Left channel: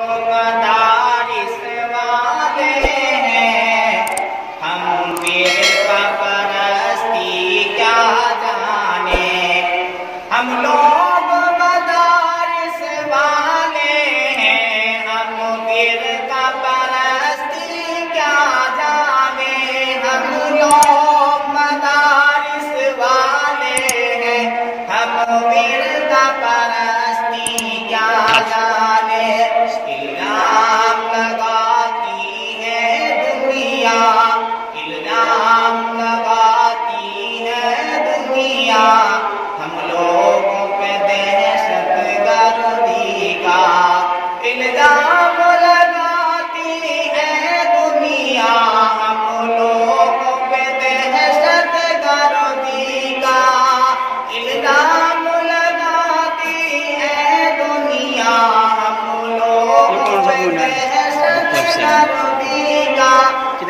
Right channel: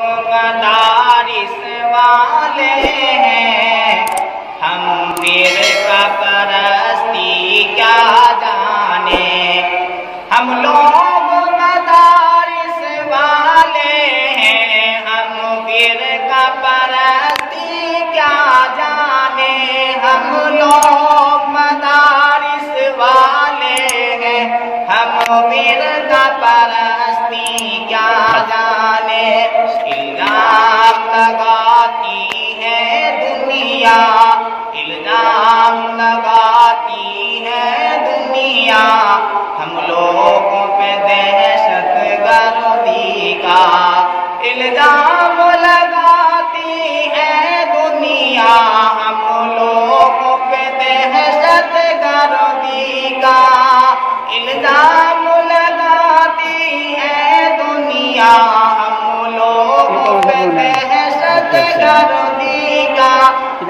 مدارس والے ہیں ہم فرقہ پرستی کیا جانے ہم لوگ مدارس والے ہیں ہم فرقہ پرستی کیا جانے ہم لوگ مدارس والے ہیں ہم فرقہ پرستی کیا جانے الزام لگاتی ہے دنیا الزام لگاتی ہے دنیا ہم لوگوں پہ دہشت گردی کا الزام لگاتی ہے دنیا ہم لوگوں پہ دہشت گردی کا الزام لگاتی ہے دنیا ہم لوگوں پہ دہشت گردی کا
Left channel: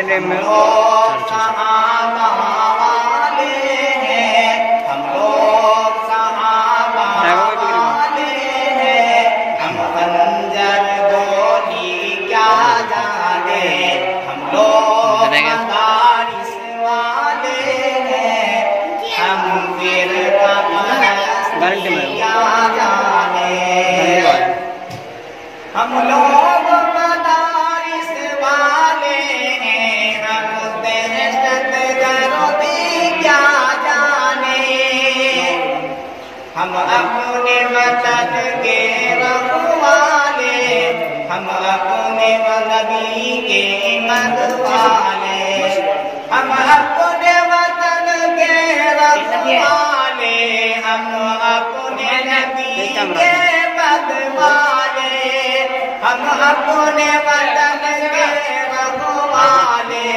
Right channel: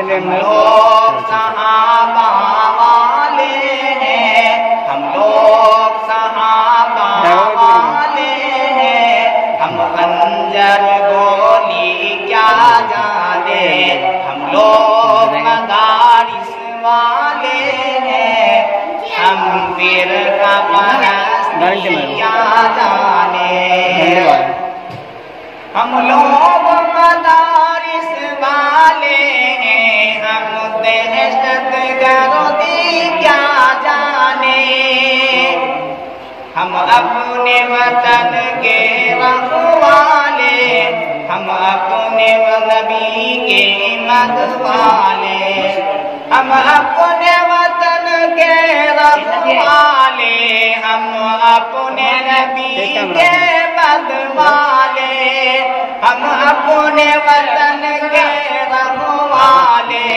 ہم لوگ صحابہ والے ہیں ہم لوگ صحابہ والے ہیں ہم خنجر گولی کیا جانے ہم لوگ مدارس والے ہیں ہم فرقہ پرستی کیا جانے ہم لوگ مدارس والے ہیں ہم دہشت گردی کیا جانے ہم اپنے وطن کے رکھوالے ہم اپنے نبی کے مدوالے ہم اپنے وطن کے رکھوالے ہم اپنے نبی کے مدوالے ہم اپنے وطن کے رکھوالے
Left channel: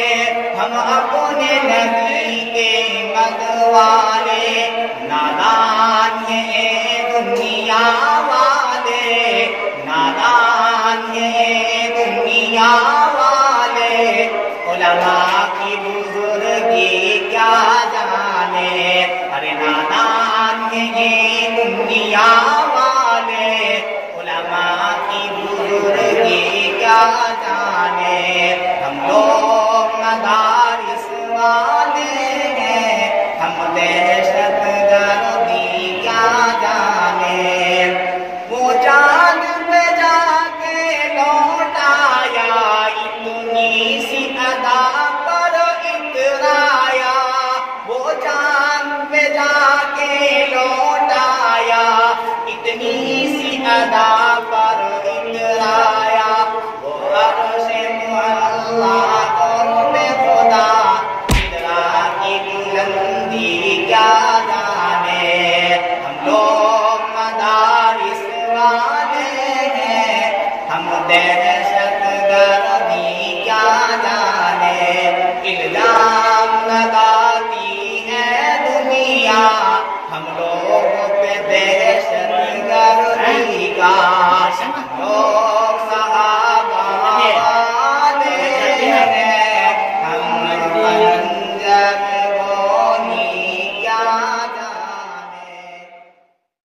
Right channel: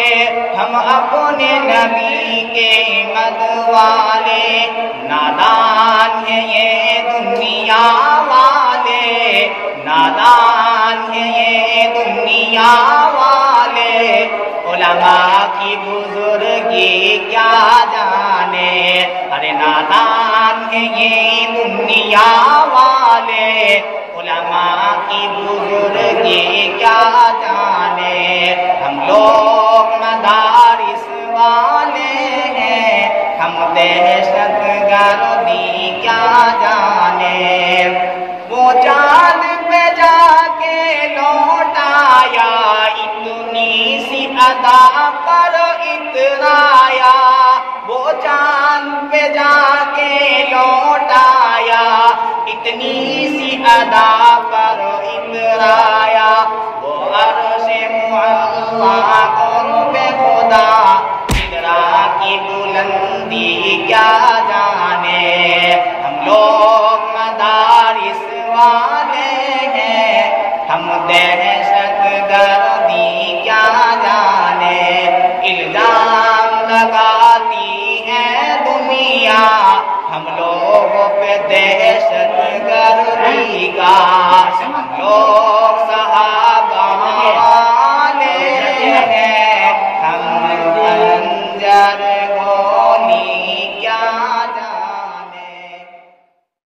ہم اپنے نبی کے مدوالے نادان ہیں یہ دنیا والے نادان ہیں یہ دنیا والے علماء کی بزرگی کیا جانے ارے نادان ہیں یہ دنیا والے علماء کی بزرگی کیا جانے ہم لوگ مدارس والے ہیں ہم دہشت گردی کیا جانے وہ چاند پہ جا کے لوٹ آیا اتنی سی ادا پر اترایا وہ چاند پہ جا کے لوٹ آیا اتنی سی ادا پر اترایا وہ عرش معلا قرب خدا اترا کی بلندی کیا جانے ہم لوگ مدارس والے ہیں ہم دہشت گردی کیا جانے الزام لگاتی ہے دنیا ہم لوگوں پہ دہشت گردی کا